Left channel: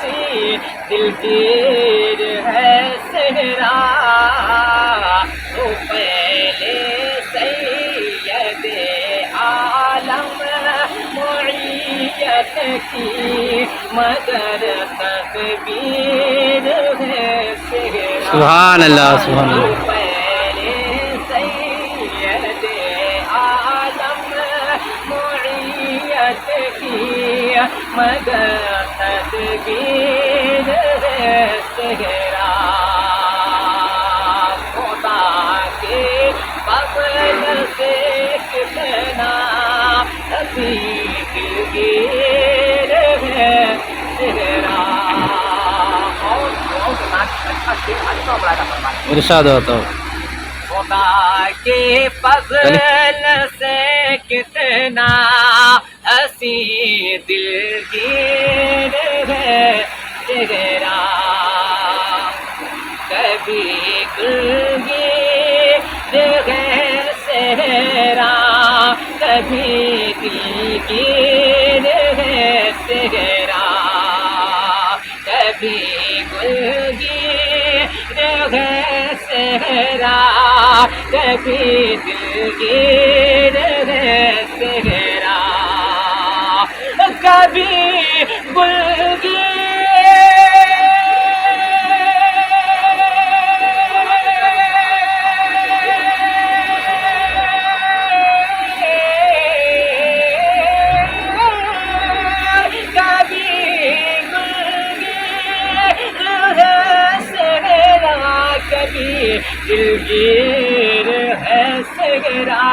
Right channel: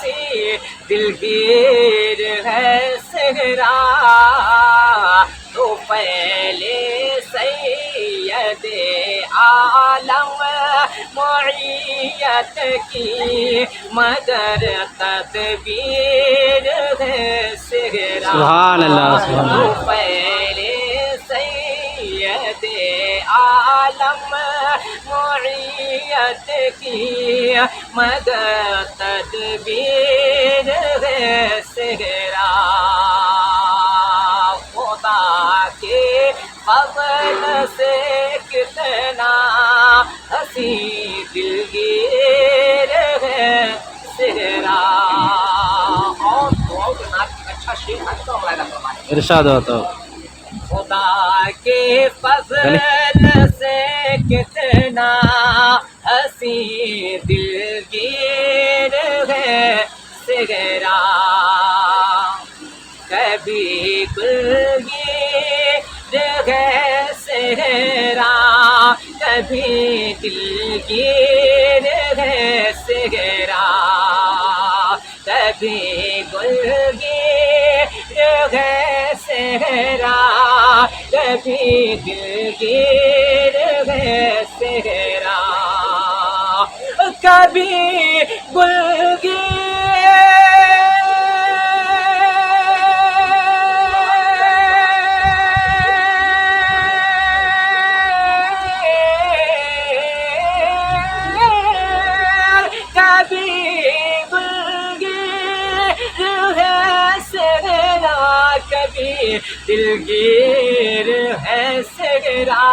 سی دلگیر ہے سہرا تو پہلے سید عالم معیت کی مگر تقدیر ہے سہرا سبحان اللہ سبحان اللہ. پہلے سید عالم معیت کی مگر تدبیر ہے سہرا خدا کے فضل سے کتنا ہنسی دلگیر ہے سہرا. اور بہت اچھا شعر آج کا بڑا فرمایا ارشاد ہوتا ہو. خدا کے فضل سے کتنا ہنسی دلگیر ہے سہرا کبھی دلگیر ہے سہرا کبھی دلگیر ہے سہرا کبھی گلگیر ہے سہرا کبھی دلگیر ہے سہرا کبھی گلگیر دلگیر ہے سہرا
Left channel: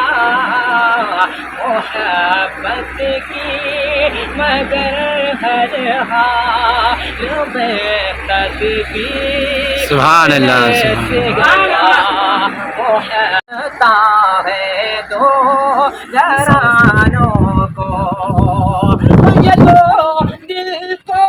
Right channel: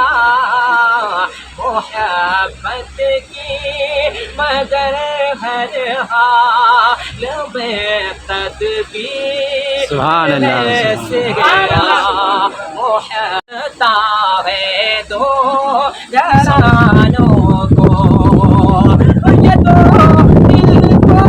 محبت کی مگر ہر حال میں تدبیر سبحان اللہ ہے سبحان سہرا محبت ہے دو جہانوں کو یہ دو دل کو